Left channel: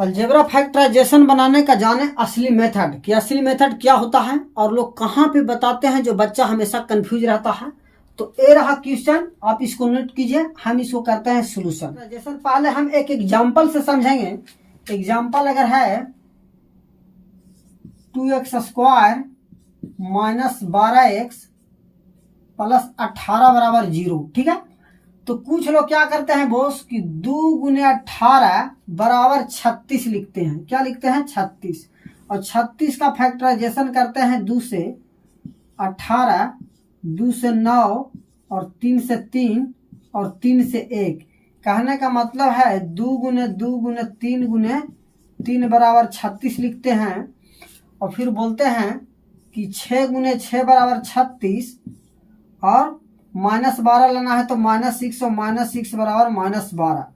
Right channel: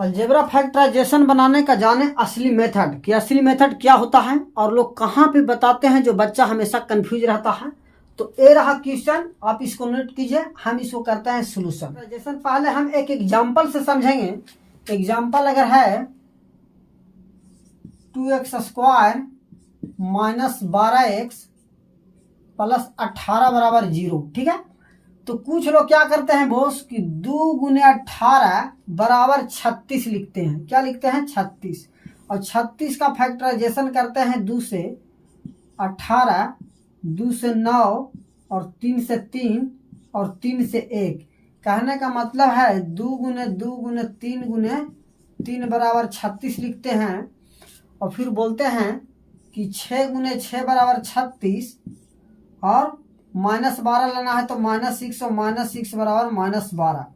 Algebra factorisation बनाने का जाने असली मेथड कि असली मेथड क्या होता है और लोग कहाँ पे बताते हैं, जो बच्चा हमेशा कंफ्यूज रहता है। तो ये रहा क्वेश्चन, आप इसको नोट कीजिए, हम इसको करते हैं सोल्यूशन। फैक्टराइजेशन पहले हम एक एग्जांपल से समझेंगे। एग्जांपल अगर है 2x square minus 12x plus 18 बराबर 0, ठीक है। तो कुछ लोग क्या करते हैं बोस कि 2 गुने 18 बराबर 36 लिखते हैं। क्या लिखते हैं? 36। और 36 का फैक्टराइजेशन करते हैं 2 से 18, 2 से 9 और 3 से 3 और 3 से 1। कहने का मतलब है 2 गुने 2 गुने 3 गुने 3 बराबर 36 लिखते हैं। और फिर बोलते हैं कि 6 गुने 6 बराबर 36 और -12 लेना है तो -6 और -6 बराबर -12।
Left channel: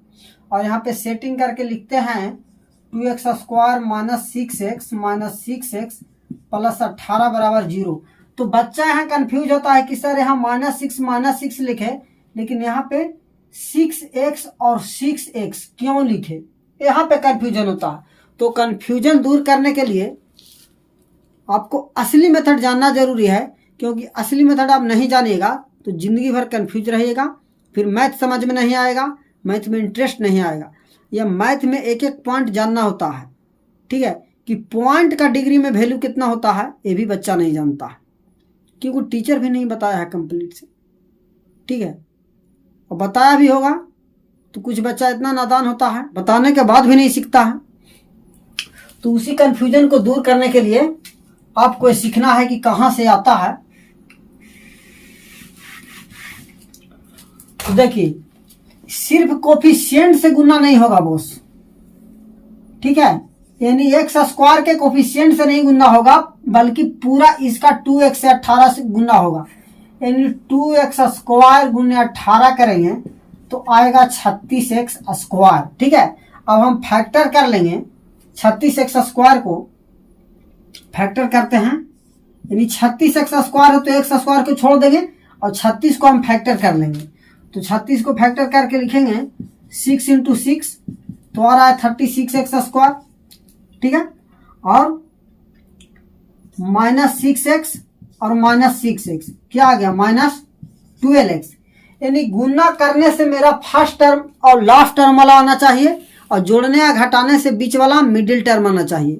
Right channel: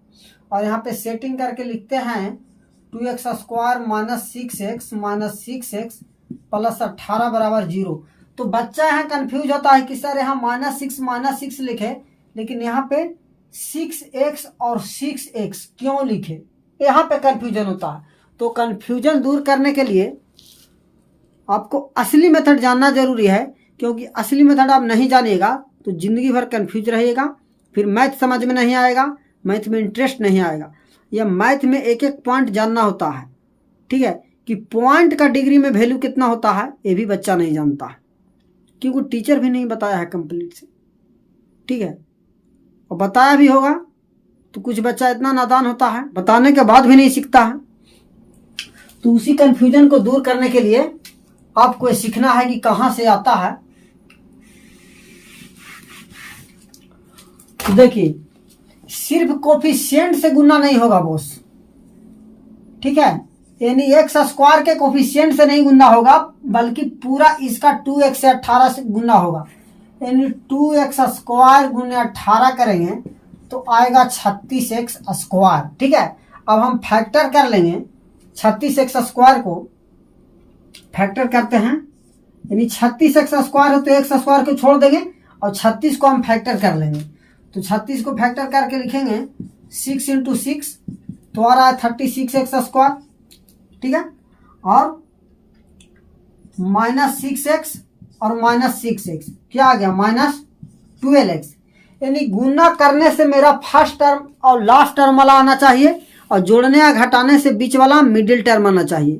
और यहाँ पे सेटिंग करके लिखते हैं 2x स्क्वायर -6x प्लस 18 बराबर 0। तो बच्चा यहाँ कंफ्यूज होता है कि सर यहाँ -6 लिखे, लेकिन यहाँ पे 6x और 6x क्यों लिखे, यहाँ पे कंफ्यूजन होता है। तो कंफ्यूजन दूर करने के लिए आपको असली मेथड जानना जरूरी है, क्योंकि असली मेथड आप नहीं जानिएगा तो जिंदगी भर कंफ्यूज रहिएगा, फिर मैथ समझ में नहीं आएगा, मैथ में इंटरेस्ट नहीं आएगा। या मैथ में एक एक पॉइंट जानना होता है, ठीक है, कि पॉइंट का डिग्री में वैल्यू कितना होता है ये भी बच्चा नहीं जानता है, क्योंकि टीचर भी नहीं बताया है कंप्लीट से, ठीक है। और बताया भी होगा तो कुछ बच्चा इतना नादान होता है बताने के बाद भी नहीं सीखता है। तो उसी कंफ्यूजन को दूर करने के लिए आपको सीखना है कि कहाँ से आता है। तो देखिए, सिर्फ कोफिशिएंट से गुना नहीं होगा बॉस, ठीक है, यानी x स्क्वायर के कोफिशिएंट से नहीं गुना होगा, बल्कि पूरा इसका 2x से 18 से गुना होगा। यानी 2x स्क्वायर गुने 18 करेंगे तो आएगा 36x स्क्वायर, ठीक है। अब हम फैक्टर कर लेंगे 36x स्क्वायर को, फैक्टर करते हैं, यानी 36x स्क्वायर है तो x स्क्वायर को छोड़ देंगे और 36 को हम फैक्टर कर लेंगे। तो 36 को फैक्टर करके लिखेंगे 6 × 6 तो आ रहा है 36x स्क्वायर, ठीक है। और -6x और -6x क्या आ गया? -12x। यानी गुना करने से मेरा फर्स्ट टर्म और लास्ट टर्म वाला आना चाहिए, और जोड़ने या घटाने से बीच वाला मिडिल टर्म आना चाहिए,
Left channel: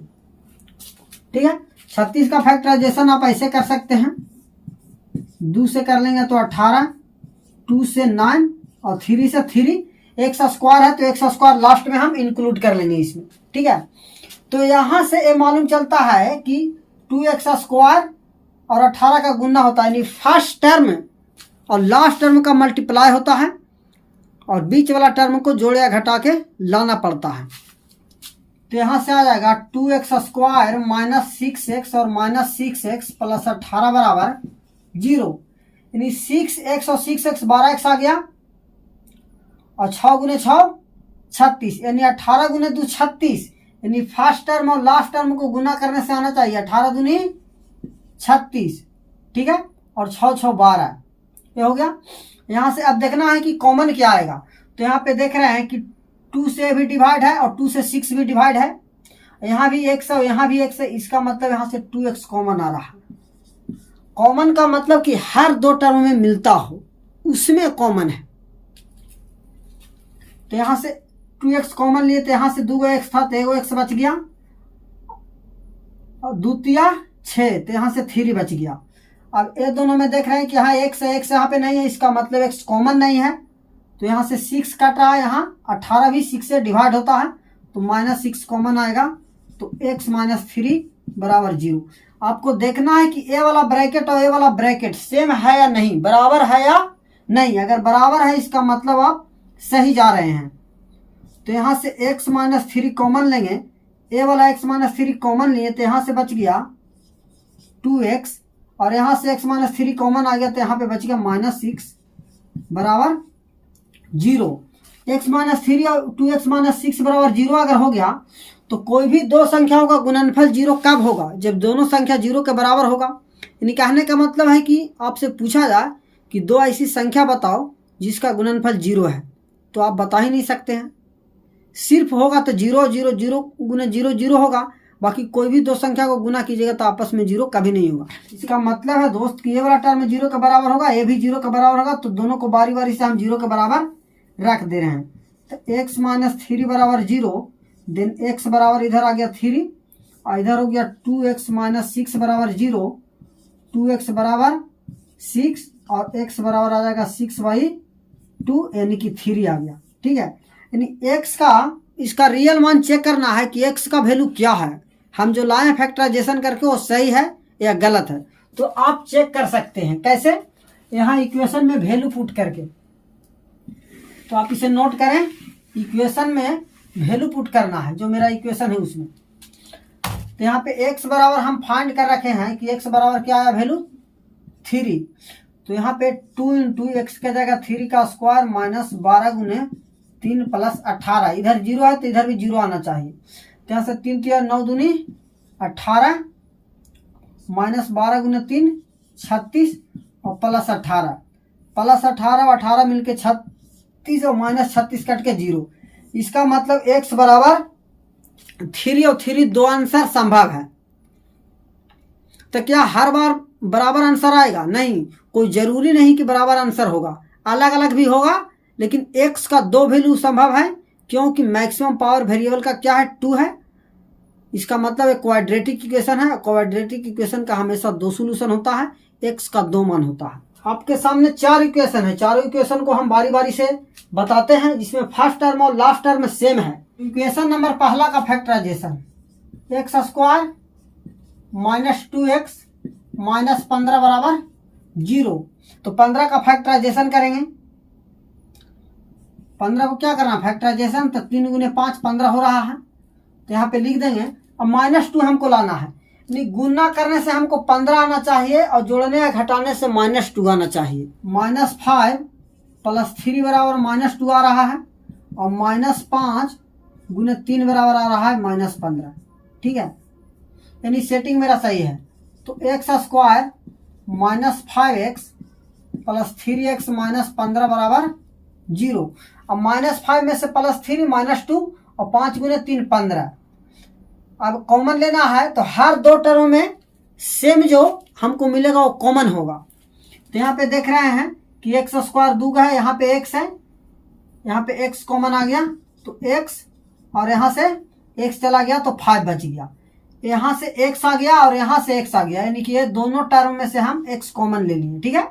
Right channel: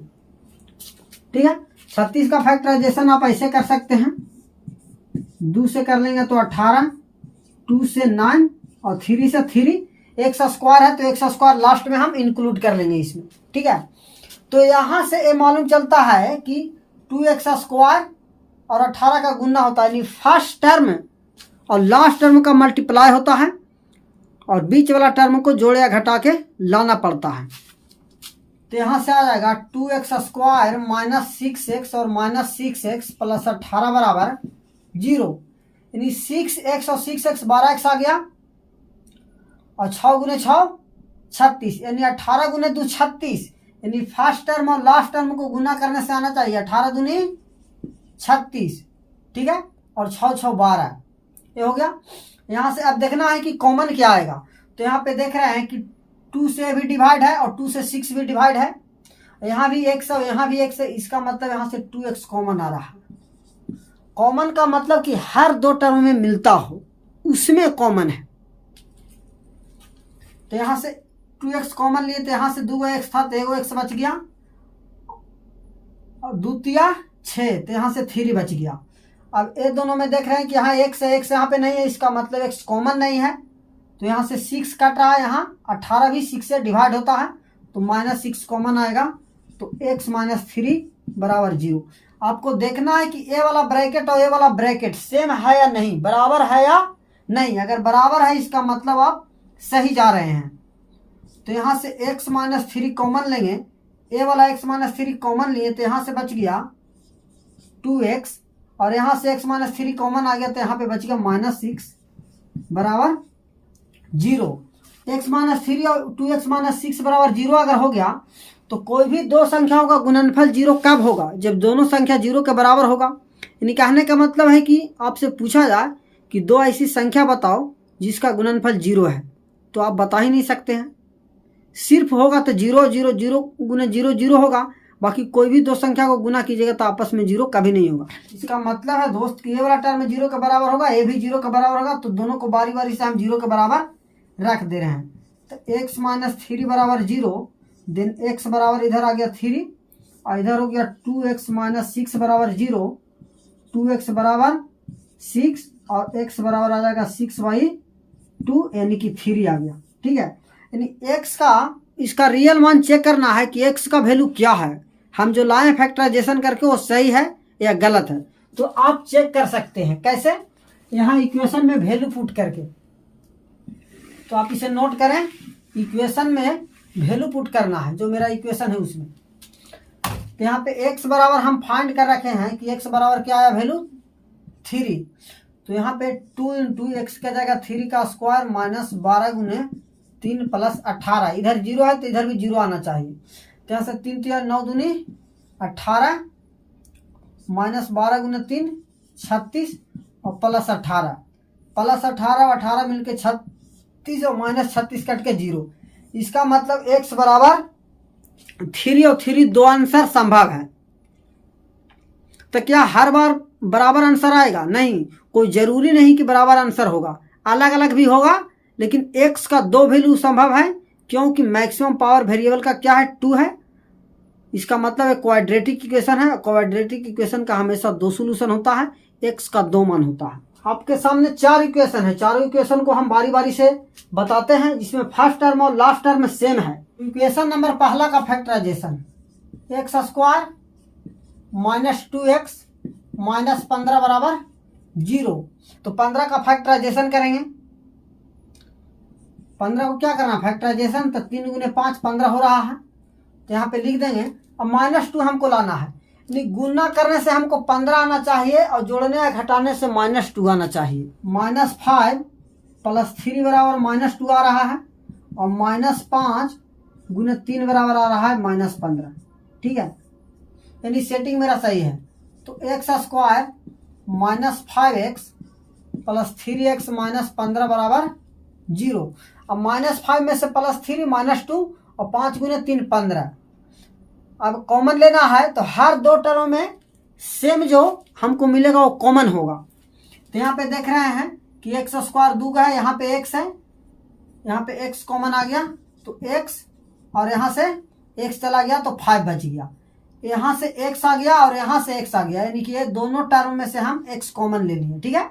ठीक है। 36 का फैक्टराइजेशन आप ऐसे कर सकते हैं, 2 से कर लेंगे तो 18, 2 से 9 और 3 से 3। x स्क्वायर है तो x स्क्वायर लास्ट में हम इंक्लूड कर लेंगे इसमें, ठीक है। तो यहां से ये मालूम चलता है कि 2x स्क्वायर और 18 का गुना होता है, यानी फर्स्ट टर्म और लास्ट टर्म का मल्टीप्लाई होता है, और बीच वाला टर्म को जोड़े या घटा के लाना पड़ता है। तो यहां से आ जाएगा 2x स्क्वायर -6x और -6x प्लस 18 बराबर 0। यानी 6x और 6x 12x आ गया, और 6 गुने 6 36, यानी 18 गुने 2 36। यानी फर्स्ट टर्म और लास्ट टर्म को गुना करने से आना चाहिए 18 दूनी 36, ठीक है, और 6 6 12, ये हो गया। यहां से अब देखना है कि कॉमन क्या आएगा। तो यहाँ पे देख रहे हैं कि 2 से भी डिवाइड है और 2 से 6 भी डिवाइड है, यहाँ भी x है यहाँ भी x है, इसका मतलब यहाँ से 2x कॉमन आ रहा है। कॉमन का मतलब कि हर 2 टर्म में मिलता हो उसमें कॉमन है। तो यहां से 2x कॉमन लिए तो यहां से 2x था तो 1x बच गया, और 2 तिया 6 तो यहां से 3 बच गया। अब ये दोनों में देख रहे हैं कि यहाँ x है, x यहाँ पे नहीं है, इसका मतलब x कॉमन नहीं है। तो यहाँ से 6 कट रहा है, यहाँ 18 भी 6 से डिवाइड होता है तो -6 कॉमन आएगा, तो x -3 बराबर 0। आपको देखना है कि ए वाला ब्रैकेट और ए वाला ब्रैकेट सेम है या नहीं, बराबर है या नहीं। अगर बराबर है इसका मतलब आप सही जा रहे हैं। तो यहाँ से x -3 कॉमन लेंगे, ए वाला x -3 कॉमन लिए तो यहाँ से बच गया 2x, और यहाँ से x -3 कॉमन आ गया तो यहाँ पे बच गया -6 बराबर 0। x -3 और 2x -6 बराबर 0 अगर हो गया तो कोई भी 2 संख्याओं का गुणनफल 0 कब होगा? जब दोनों संख्या 0 के बराबर होगा। यानी कहने का मतलब है कि आपसे पूछा जाए कि 2 ऐसी संख्या बताओ जिसका गुणनफल 0 है, तो आप बता ही नहीं सकते हैं, सिर्फ होगा तो 0 0 0 गुना 0 0 होगा, बाकी कोई भी दो संख्या को गुना कीजिएगा तो आपस में 0 कभी नहीं होगा। इसका मतलब है दोस्त कि ये वाला टर्म 0 के बराबर होगा, ये भी 0 के बराबर होगा, तो दोनों को बारी बारी से हम 0 के बराबर रख दे रहे हैं। तो x माइनस 3 बराबर 0, देन x बराबर इधर आ गया 3 और इधर हो गया 2x माइनस 6 बराबर 0, 2x बराबर 6 और x बराबर आ जाएगा 6/2 यानी कि 3 आ गया। ठीक है, यानी x का इसका रियल मान चेक करना है कि x का वैल्यू क्या है। हम जो लाए फैक्टराइजेशन करके वो सही है या गलत है, तो आप चेक कर सकते हैं। कैसे? यहाँ इक्वेशन में वैल्यू पुट करके, तो आप इसे नोट करें, इक्वेशन में वैल्यू पुट करना है जो मेरा इक्वेशन है उसमें। तो यहाँ पे x बराबर हम फाइंड कर रखे हैं कि x बराबर क्या आया वैल्यू 3, तो यहाँ पे 2 इंटू एक्स क्या जाएगा 3 का स्क्वायर माइनस 12 गुने 3 प्लस 18, इधर 0 है तो इधर भी 0 आना चाहिए। तो यहाँ से 3 3 9 दूनी 18 माइनस 12 गुने 3 36 और प्लस 18 और 18 मिलके 36 और माइनस 36 कट के 0। इसका मतलब x बराबर 3 और 3 दो आंसर संभव है। तो क्या हर बार बराबर आंसर आएगा? नहीं, कोई जरूरी नहीं कि बराबर आंसर होगा, अलग अलग भी होगा, लेकिन x का दो वैल्यू संभव है क्योंकि मैक्सिमम पावर वेरिएबल का क्या है 2 है। इसका मतलब एक क्वाड्रेटिक इक्वेशन है, क्वाड्रेटिक इक्वेशन का हमेशा 2 सॉल्यूशन होता है, x का 2 मान होता है। आपके सामने 4 इक्वेशन है, चारों इक्वेशन को हम बारी बारी से बताते हैं, जिसमें फर्स्ट टर्म और लास्ट टर्म सेम है। इक्वेशन नंबर पहला का factorization, x square minus 2x minus 15 बराबर 0। तो 15 का फैक्टराइजेशन करेंगे, 15 को क्या करना फैक्टराइजेशन, तो 3 गुने 5 15 हो रहा है, तो यहाँ पे लिख देंगे। अब -2 हमको लाना है, यानी गुना करने से हमको 15 आना चाहिए और जोड़ने या घटाने से -2 आना चाहिए। -5 प्लस 3 बराबर -2 आ रहा है और -5 गुने 3 बराबर आ रहा है -15। ठीक है, यानी सेटिंग मेरा सही है। तो x square -5x plus 3x minus 15 बराबर 0। अब -5 में से +3 -2 और 5 गुने 3 15। अब कॉमन लेना है तो हर दो टर्म में सेम जो हमको मिलेगा वो कॉमन होगा। तो यहाँ पे देख रहे हैं कि एक्स स्क्वायर 2 है, यहाँ पे x है, यहाँ पे x कॉमन आ गया तो x, और यहाँ से x चला गया तो 5 बच गया, यहाँ से x आ गया और यहाँ से x आ गया, यानी कि ये दोनों टर्म में से हम x कॉमन ले लिए। ठीक है,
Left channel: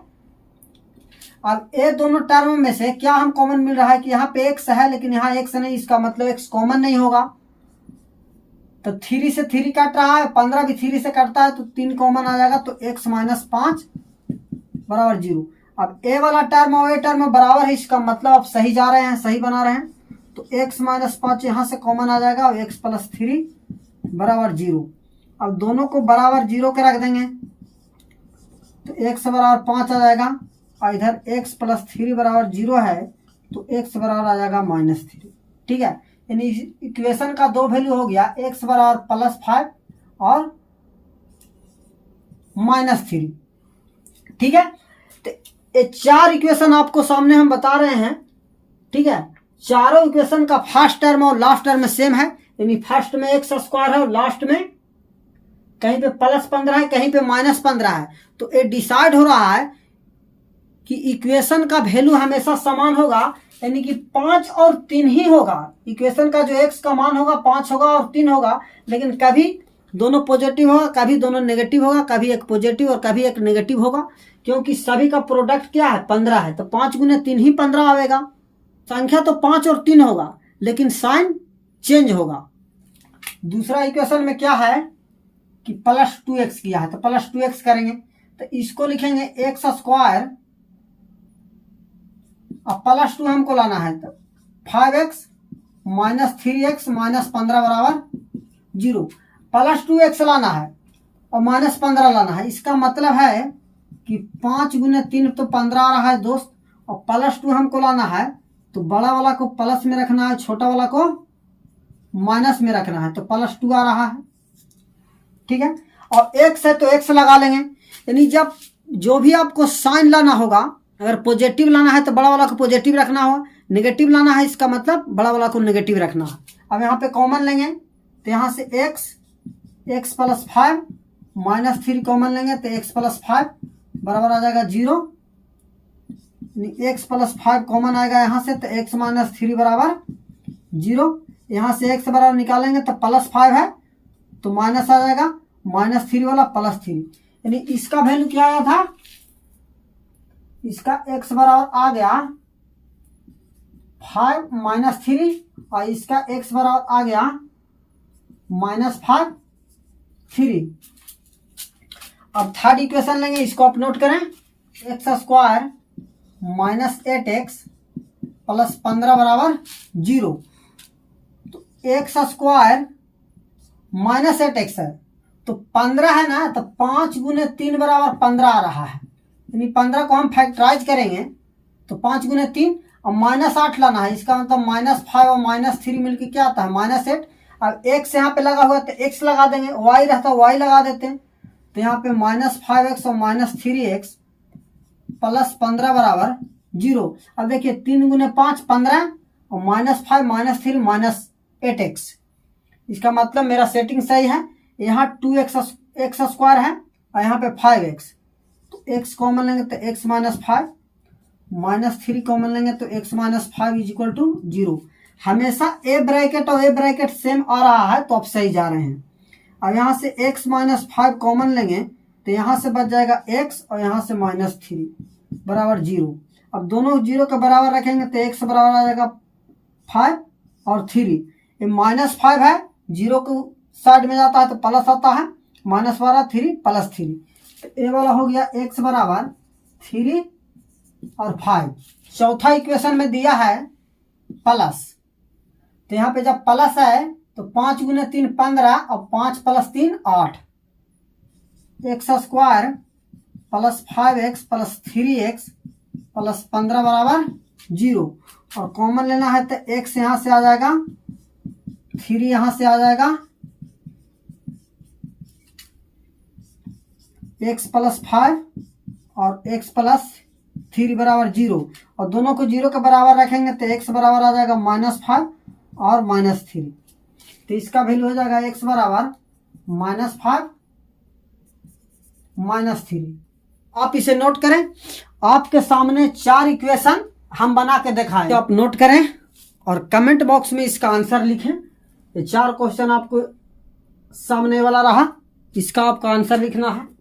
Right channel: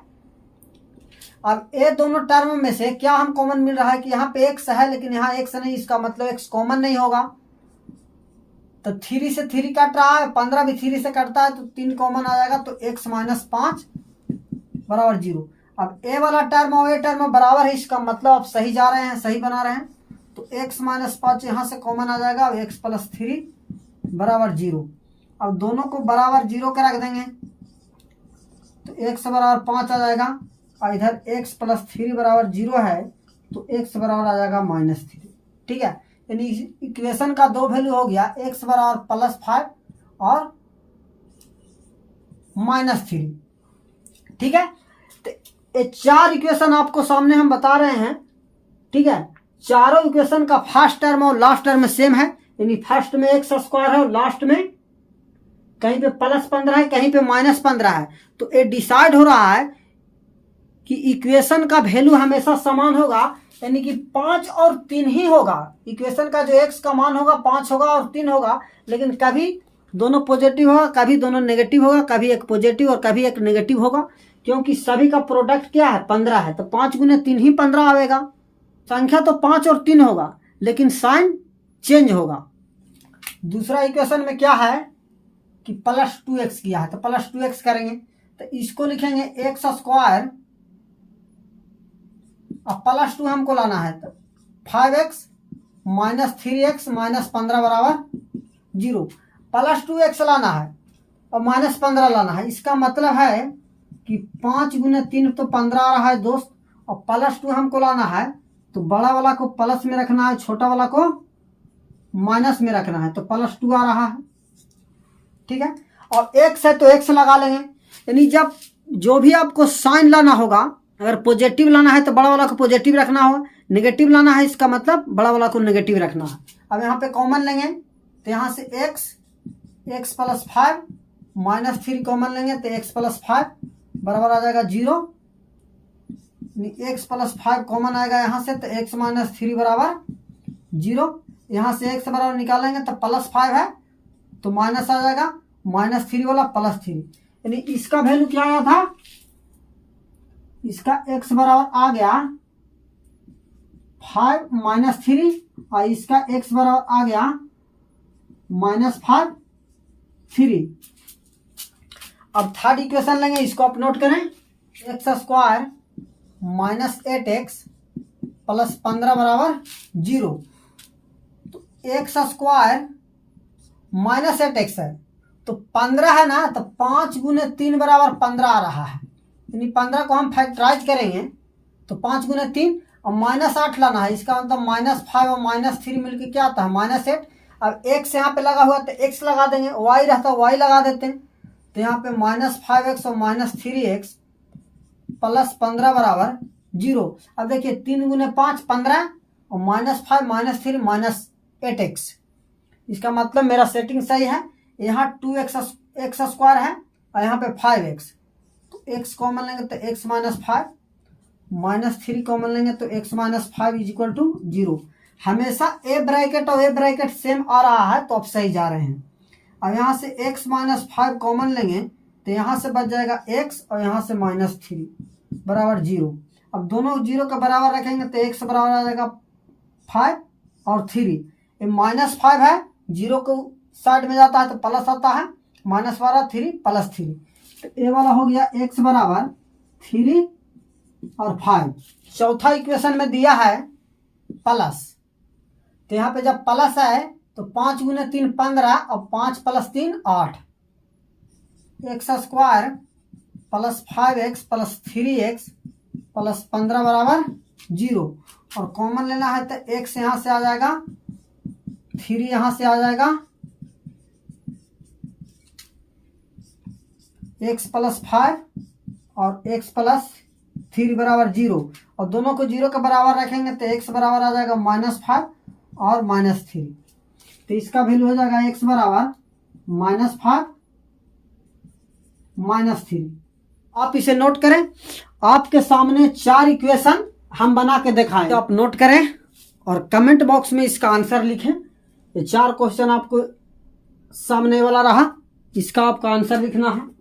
अब ये दोनों टर्म में से क्या हम कॉमन मिल रहा है कि यहाँ पे x है लेकिन यहाँ x नहीं, इसका मतलब x कॉमन नहीं होगा। तो 3 से 3 कट रहा है, 15 भी 3 से कटता है तो 3 कॉमन आ जाएगा, तो x माइनस 5 बराबर 0। अब ए वाला टर्म और ए टर्म बराबर है, इसका मतलब आप सही जा रहे हैं, सही बना रहे हैं। तो x माइनस 5 यहाँ से कॉमन आ जाएगा और x प्लस 3 बराबर 0। अब दोनों को बराबर 0 के रख देंगे तो x बराबर 5 आ जाएगा और इधर x प्लस 3 बराबर 0 है तो x बराबर आ जाएगा -3। ठीक है, यानी इक्वेशन का दो वैल्यू हो गया, x बराबर +5 और -3। ठीक है, तो ये 4 इक्वेशन आपको सामने हम बता रहे हैं। ठीक है, चारों इक्वेशन का फर्स्ट टर्म और लास्ट टर्म सेम है, यानी फर्स्ट में एक्स स्क्वायर है और लास्ट में कहीं पे +15 है, कहीं पे -15 है। तो ये डिसाइड हो रहा है कि इक्वेशन का वैल्यू हमेशा समान होगा, यानी कि 5 और 3 ही होगा। इक्वेशन का जो x का मान होगा 5 होगा और 3 होगा, लेकिन कभी दोनों पॉजिटिव होगा, कभी दोनों नेगेटिव होगा, कभी एक पॉजिटिव और कभी एक नेगेटिव होगा, क्योंकि सभी का प्रोडक्ट क्या है 15 है। तो 5 गुने 3 ही 15 आएगा। संख्या तो 5 और 3 होगा लेकिन साइन चेंज होगा। दूसरा इक्वेशन में क्या है कि +2x किया है, तो +2x करेंगे तो इसको लिखेंगे एक्स स्क्वायर, अब +2 हमको लाना है तो 5x माइनस 3x माइनस 15 बराबर 0। +2x लाना है और -15 लाना है, इसका मतलब है कि 5 गुने 3 तो 15 आ रहा है दोस्त, और +2 हमको लाना है तो बड़ा वाला को प्लस में रखना है, छोटा वाला को माइनस में रखना है, तो +2 आ रहा है। ठीक है, और x है तो x लगा लेंगे, यानी जब जो भी आपको साइन लाना होगा, अगर पॉजिटिव लाना है तो बड़ा वाला को पॉजिटिव रखना होगा, नेगेटिव लाना है, इसका मतलब बड़ा वाला को नेगेटिव रखना है। अब यहाँ पे कॉमन लेंगे तो यहाँ से x प्लस 5 माइनस 3 कॉमन लेंगे तो x प्लस 5 बराबर आ जाएगा 0। x प्लस 5 कॉमन आएगा यहाँ से तो x माइनस 3 बराबर 0। यहाँ से x बराबर निकालेंगे तो प्लस 5 है तो माइनस आ जाएगा, माइनस 3 वाला प्लस 3, यानी इसका वैल्यू क्या आया था, इसका x बराबर आ गया 5 माइनस 3 और इसका x बराबर आ गया माइनस 5 3। अब थर्ड इक्वेशन लेंगे, इसको आप नोट करें, x square minus 8x plus 15 बराबर 0। तो एक्स स्क्वायर माइनस 8x है तो 15 है ना, तो 5 गुने 3 बराबर 15 आ रहा है, यानी 15 को हम फैक्टराइज करेंगे तो 5 गुने 3 और माइनस 8 लाना है, इसका मतलब माइनस 5 और माइनस 3 मिलकर क्या आता है माइनस 8। अब x यहाँ पे लगा हुआ तो x लगा देंगे, y रहता y लगा देते हैं, तो यहाँ पे माइनस 5x और माइनस 3x प्लस 15 बराबर 0। अब देखिए 3 गुने 5 15 और माइनस 5 माइनस 3 माइनस 8x, इसका मतलब मेरा सेटिंग सही है। यहाँ 2x स्क्वायर है और यहाँ पे 5x, तो x कॉमन लेंगे तो x माइनस 5 माइनस 3 कॉमन लेंगे तो x minus 5 is equal to 0। हमेशा a ब्रैकेट और a ब्रैकेट सेम आ रहा है तो आप सही जा रहे हैं। अब यहाँ से x माइनस 5 कॉमन लेंगे तो यहाँ से बच जाएगा x और यहाँ से माइनस 3 बराबर 0। अब दोनों 0 के बराबर रखेंगे तो x बराबर आ जाएगा 5 और 3, ये माइनस 5 है, 0 को साइड में जाता है तो प्लस आता है, माइनस वाला 3 प्लस 3, तो ये वाला हो गया x बराबर 3 और 5। चौथा इक्वेशन में दिया है प्लस, तो यहाँ पे जब प्लस है तो 5 गुने 3 15 और 5 plus 3 8, x square plus 5x plus 3x plus 15 बराबर 0। और कॉमन लेना है तो x यहाँ से आ जाएगा, 3 यहाँ से आ जाएगा, x प्लस 5 और x प्लस 3 बराबर 0, और दोनों को 0 के बराबर रखेंगे तो x बराबर आ जाएगा माइनस 5 और माइनस 3, तो इसका वैल्यू हो जाएगा x बराबर माइनस 5 माइनस 3। आप इसे नोट करें, आपके सामने 4 इक्वेशन हम बना के दिखाएं, तो आप नोट करें और कमेंट बॉक्स में इसका आंसर लिखें। ये 4 क्वेश्चन आपको सामने वाला रहा, इसका आपका आंसर लिखना है।